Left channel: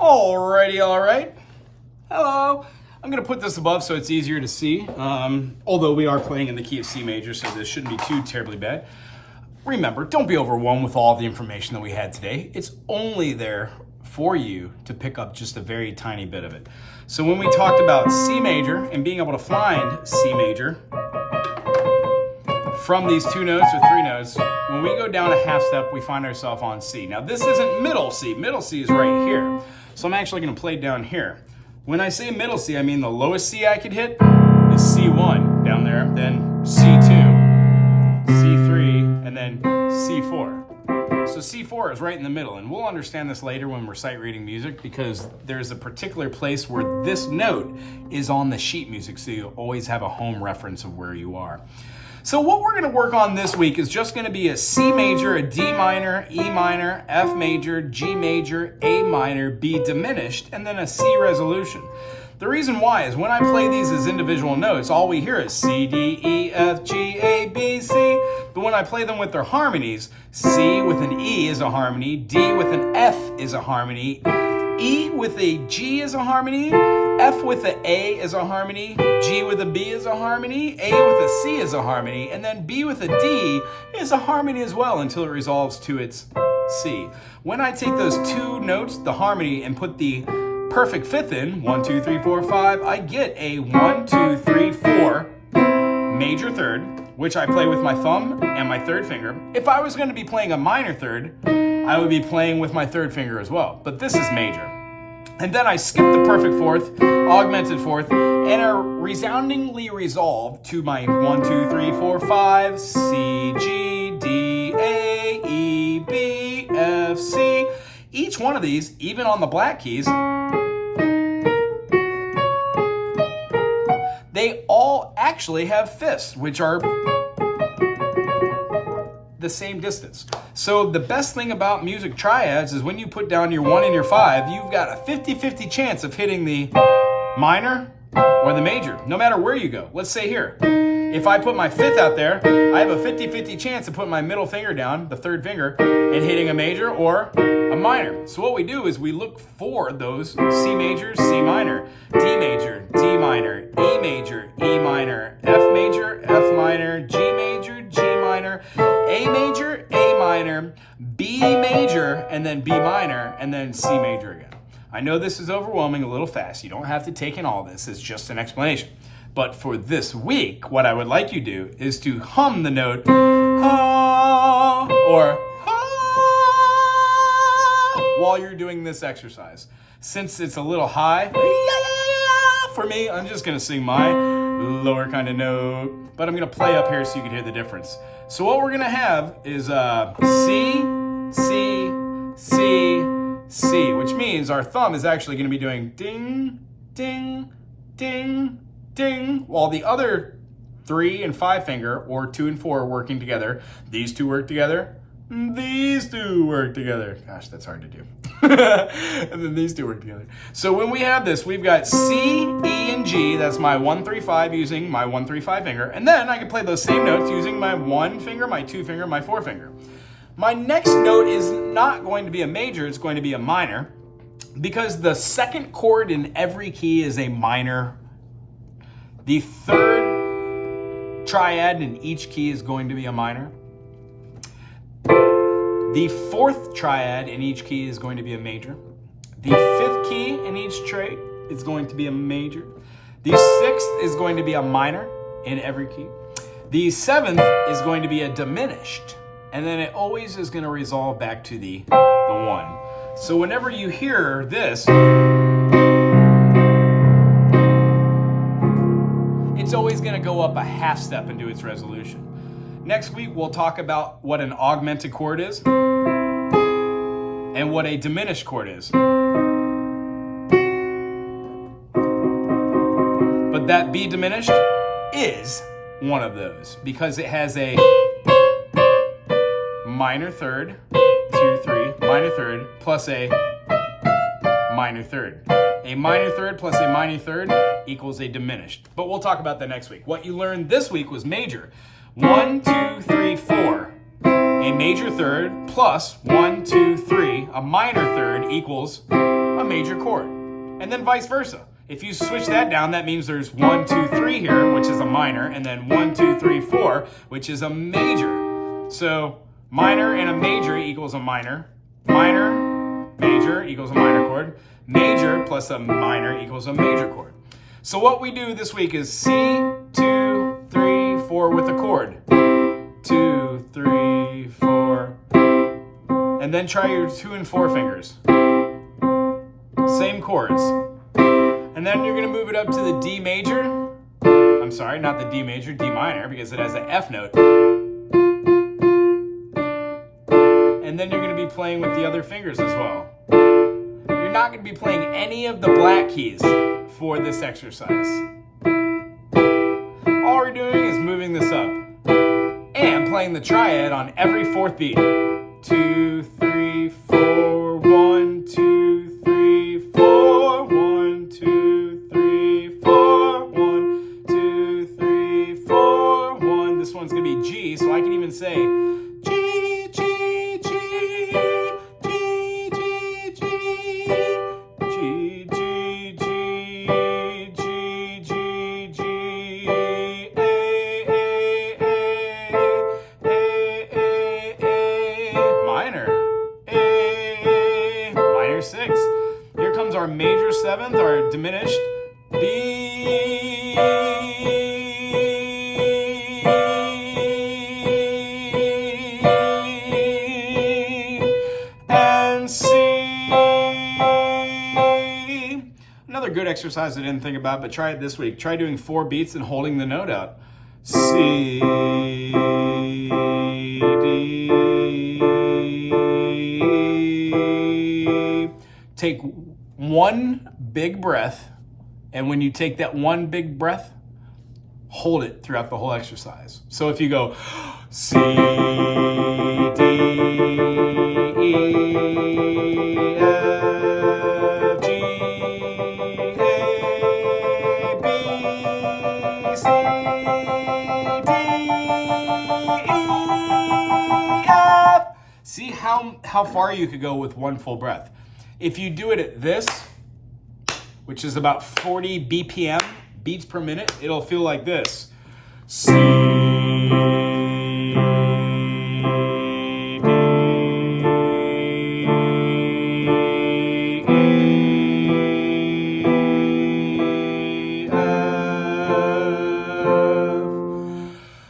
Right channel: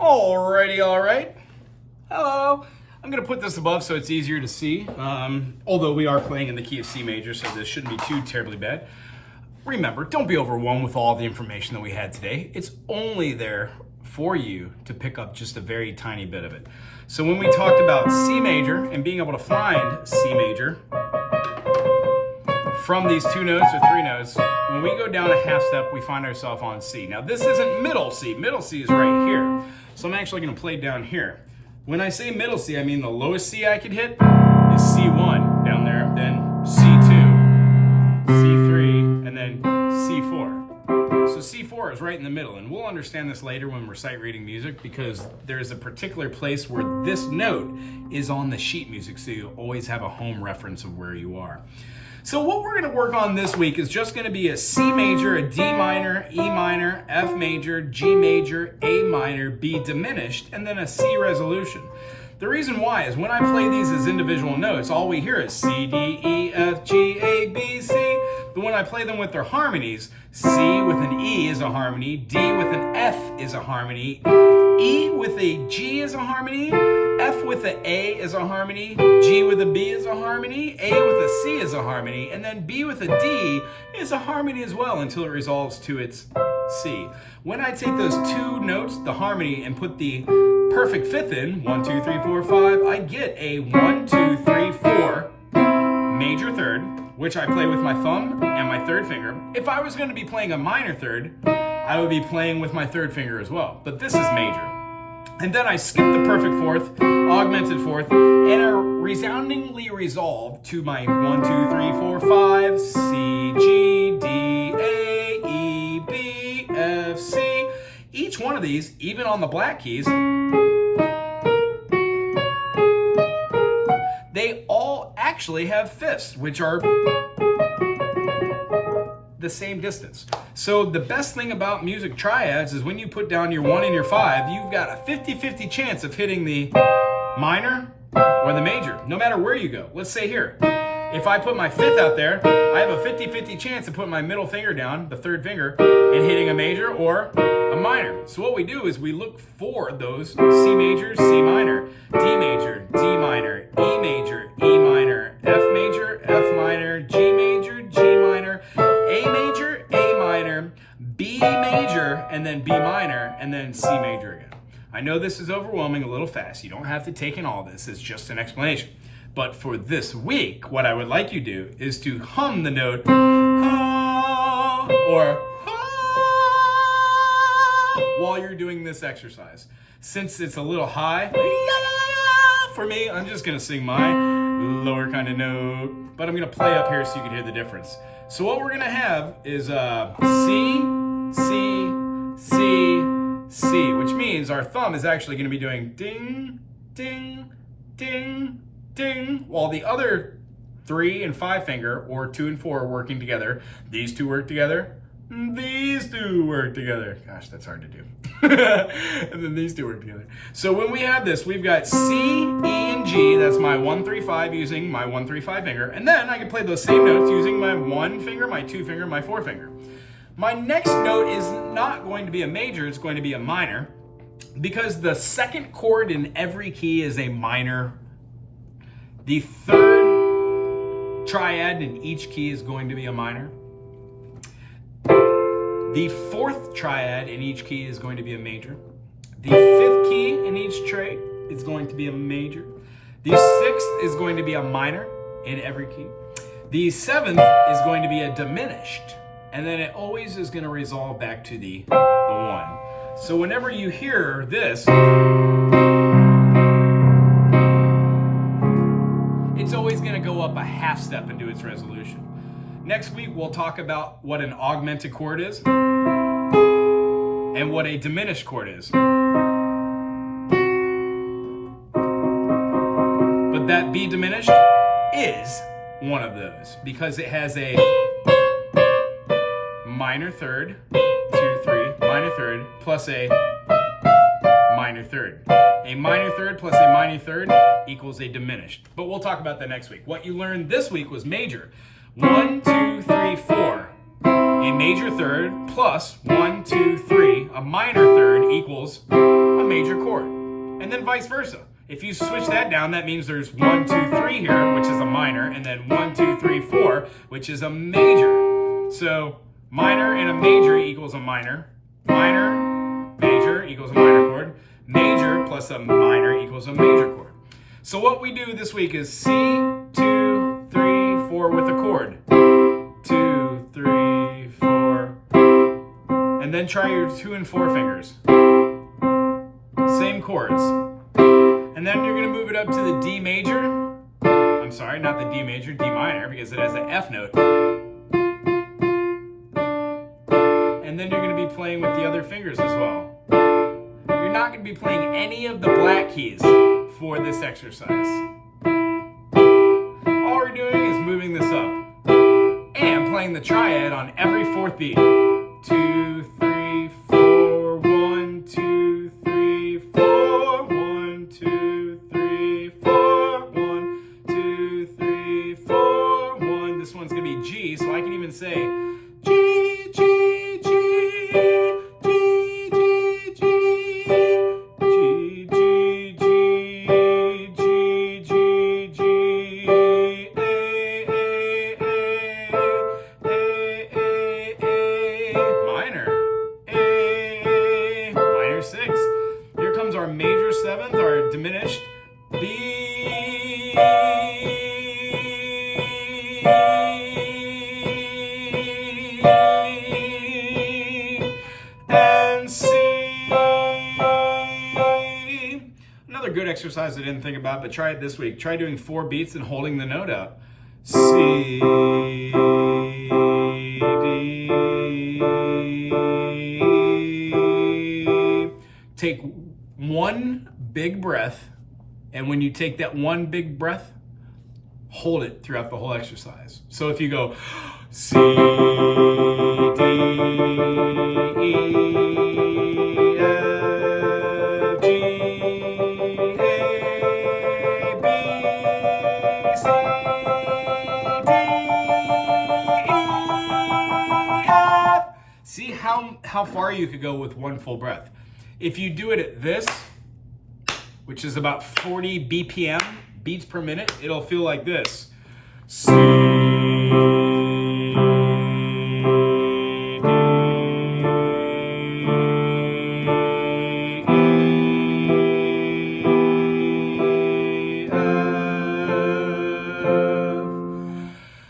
Alrighty, all right. Hello. I'm going to put this above so it's easier to see. Although we are playing in the key of C major, so this shouldn't be too terribly bad. Remember, don't be overwhelmed with all the information that we had today. It's only there for you to pick up just a very tiny bit of it. So when we talked about C major and being able to find C major from these two notes or three notes, when we go down a half step, we find ourselves on C. Now this isn't middle C. Middle C is right here. So I'm actually going to play down here. When I say middle C, I mean the lowest C I could hit is C1 down there, then C2, C3, and then C4. So C4 is right in the middle, and we'll understand this later when we're sight reading music because there's a particular place where this note is on the sheet music, so you always have a home reference of where you are. So what we're going to work on this week is just going to be a C major, a D minor, E minor, F major, G major, A minor, B diminished, and then a C resolution. The reason why is when I play these as individual notes, all we hear is C, D, E, F, G, A, B, C. But when I play them with their harmonies, C with an E is a harmony, D with an F is a harmony, E with a G is a harmony, F with an A is a harmony, G with a B is a harmony, A with a C is a harmony, and then B with a D is a harmony as well until it resolves to its C. When I take those two notes, the harmony, and put the perfect fifth in, 1, 2, 3, 4, 5, I get a 1, 2, 3, 4 major third, which I play with my thumb and my third finger. If I was going to be playing a minor third, I would be playing with my third finger as well, but this is major. And then I skip the perfect fourth, augmented fourth, and are resoundingly resolved to my 1, 2, 3, 4, 5, C, G, D, A, E, B, F, C. Each one of these, even on the black keys, they all actually have fifths, which are the same distance. So the best thing about music triads is when you put down your 1 and your 5, you've got a 50-50 chance of hitting the minor or the major, no matter where you go. Let's say here, if I put my fifth out there, I have a 50-50 chance of putting my middle finger down, the third finger, and hitting a major or a minor. So what we do is we look for those C major, C minor, D major, D minor, E major, E minor, F major, F minor, G major, G minor, A major, A minor, B major, and then B minor, and then C major again. I know this is overwhelming a little fast. You don't have to take in all this. It's just an explanation. But for this week, what I would like you to do is to hum the note ah, or ah, while you're doing this exercise. Since it's a little high for me, I'm just going to sing my lower kind of note, but I'm going to play up here so you can hear the difference. So what we're going to have is C, C, C, C, which means our thumb is actually going to be doing ding, ding, ding, ding, while the other 3 and 5 finger, or 2 and 4, are working together. These two work together. These two work together. Gosh, that's hard to do. And then these two work together. So when we have this, we've got C, E, and G. That's my 1, 3, 5 using my 1, 3, 5 finger. And then I can play those same notes using my 1 finger, my 2 finger, my 4 finger. My next note is not going to be a major, it's going to be a minor, because the second chord in every key is a minor. The third triad in each key is going to be a minor. The fourth triad in each key is going to be a major. The fifth key in each trait is going to be a major. The sixth is going to be a minor in every key. The seventh is going to be a diminished. And then it always is going to resolve back to the 1. So whenever you hear this, it's always going to go up a half step and do its resolution. Next week, we'll talk about what an augmented chord is and what a diminished chord is. But that B diminished is one of those because it has a minor third, 2, 3, minor third, plus a minor third. A minor third plus a minor third equals a diminished. But we'll talk about that next week. What you learned this week was major. 1, 2, 3, 4. A major third plus 1, 2, 3. A minor third equals a major chord. And then vice versa. If you switch that down, that means there's 1, 2, 3 here, which is a minor, and then 1, 2, 3, 4, which is a major. So minor and a major equals a minor. Minor, major equals a minor chord. Major plus a minor equals a major chord. So what we do this week is C, 2, 3, 4 with a chord. 2, 3, 4. And then try your 2 and 4 fingers. Same chords. And then you're going to move it up to the D major. I'm sorry, not the D major, D minor, because it has an F note. And then you're going to be playing with the other fingers as well. You're not going to be playing any of the black keys for this exercise. All we're doing is moving this up and playing the triad on every fourth beat. 2, 3, 4, 1, 2, 3, 4, 1, 2, 3, 4, 1, 2, 3, 4, 1. This one's going to be G, so I can even say G, G, G, G, G, G, G, G, G, G, G, G, A, minor, minor 6. Here comes our major 7th, our diminished B, and C. Another good exercise I didn't think about, but try it this week. Try doing 4 beats and holding the note up. C, D. Take one big breath, and when you take that one big breath, hold it throughout the whole exercise. So if you go C, D, E, F, G, A, B, C, D, E, F. See how far you could go with one full breath. If you do it at this, which is about 40 BPM, beats per minute, it'll feel like this. C,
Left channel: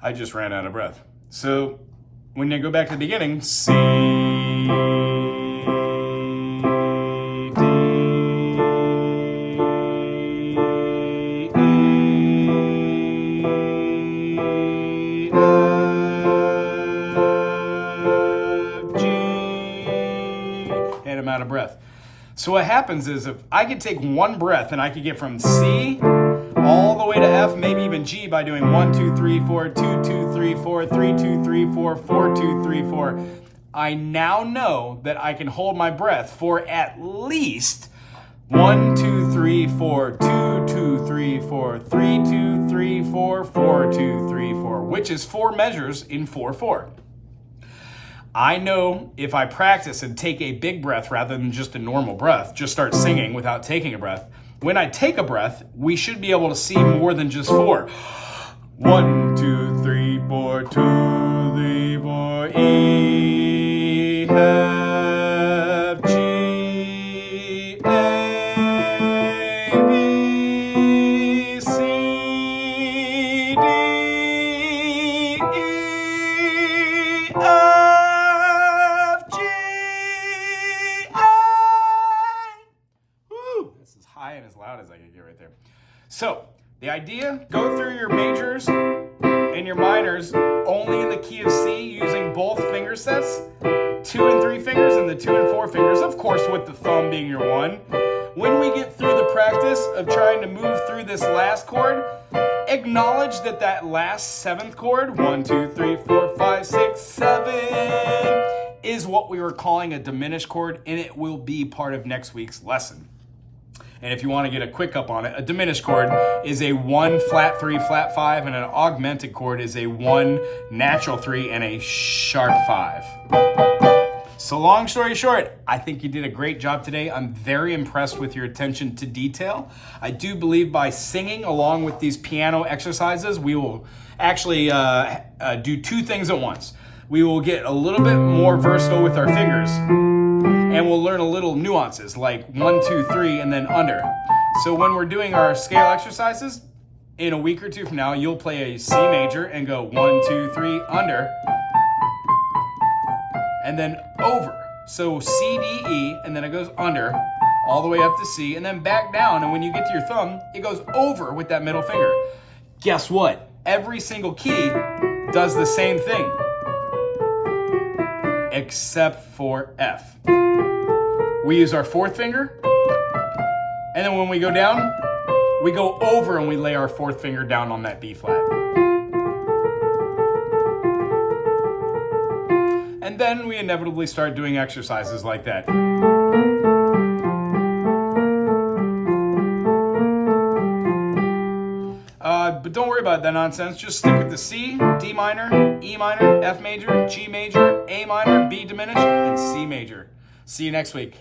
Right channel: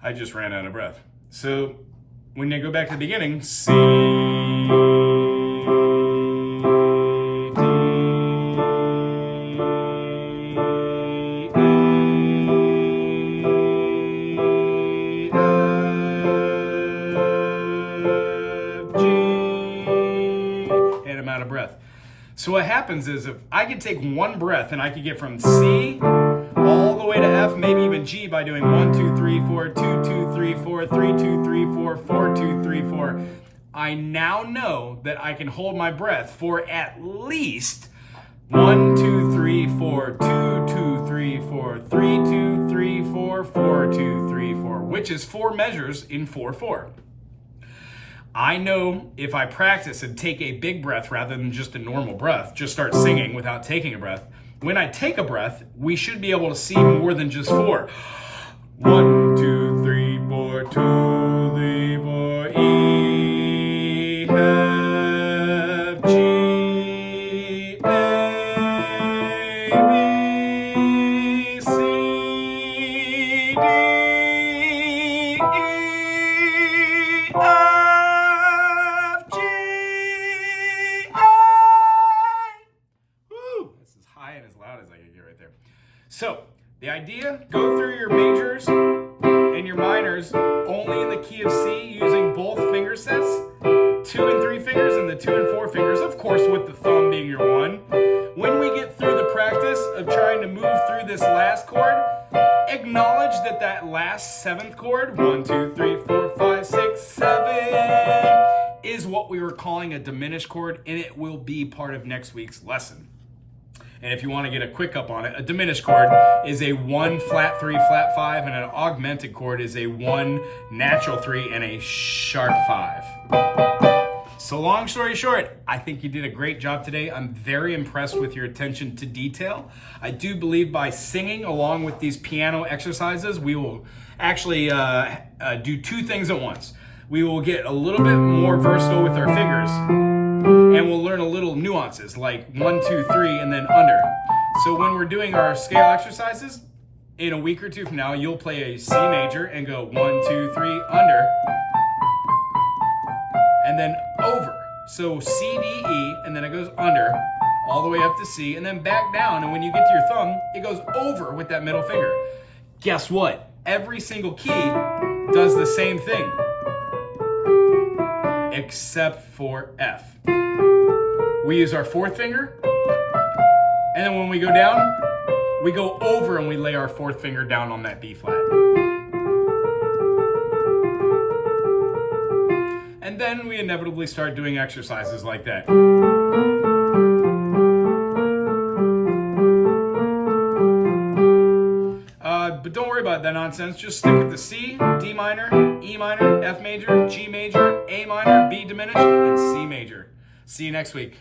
I just ran out of breath. So when you go back to the beginning, C, out of breath. So what happens is if I could take one breath and I could get from C all the way to F, maybe even G by doing 1, 2, 3, 4, 2, 2, 3, 4, 3, 2, 3, 4, 4, 2, 3, 4. I now know that I can hold my breath for at least 1, 2, 3, 4, 2, 2, 3, 4, 3, 2, 3, 4, 4, 2, 3, 4, which is 4 measures in 4/4. I know if I practice and take a big breath rather than just a normal breath, just start singing without taking a breath, when I take a breath, we should be able to see more than just 4. 1, 2, 3, 4, 2, 3, 4, E, F, G, A, B, C, D, E, F, G, A. Woo! This is high and as loud as I can get right there. So, the idea, go through your majors and your minors only in the key of C using both finger sets, 2 and 3 fingers and the 2 and 4 fingers, of course with the thumb being your 1. When we get through the practice of trying to move through this last chord, acknowledge that that last 7th chord, 1, 2, 3, 4, 5, 6, 7, is what we were calling a diminished chord, and it will be part of next week's lesson. And if you want to get a quick up on it, a diminished chord is a 1 flat 3 flat 5, and an augmented chord is a 1 natural 3 and a sharp 5. So long story short, I think you did a great job today. I'm very impressed with your attention to detail. I do believe by singing along with these piano exercises, we will actually do two things at once. We will get a little bit more versatile with our fingers, and we'll learn a little nuances like 1, 2, 3, and then under. So when we're doing our scale exercises, in a week or two from now, you'll play a C major and go 1, 2, 3, under, and then over. So C, D, E, and then it goes under, all the way up to C, and then back down, and when you get to your thumb, it goes over with that middle finger. Guess what? Every single key does the same thing, except for F. We use our fourth finger, and then when we go down, we go over and we lay our fourth finger down on that B flat. And then we inevitably start doing exercises like that. But don't worry about that nonsense. Just stick with the C, D minor, E minor, F major, G major, A minor, B diminished, and C major. See you next week.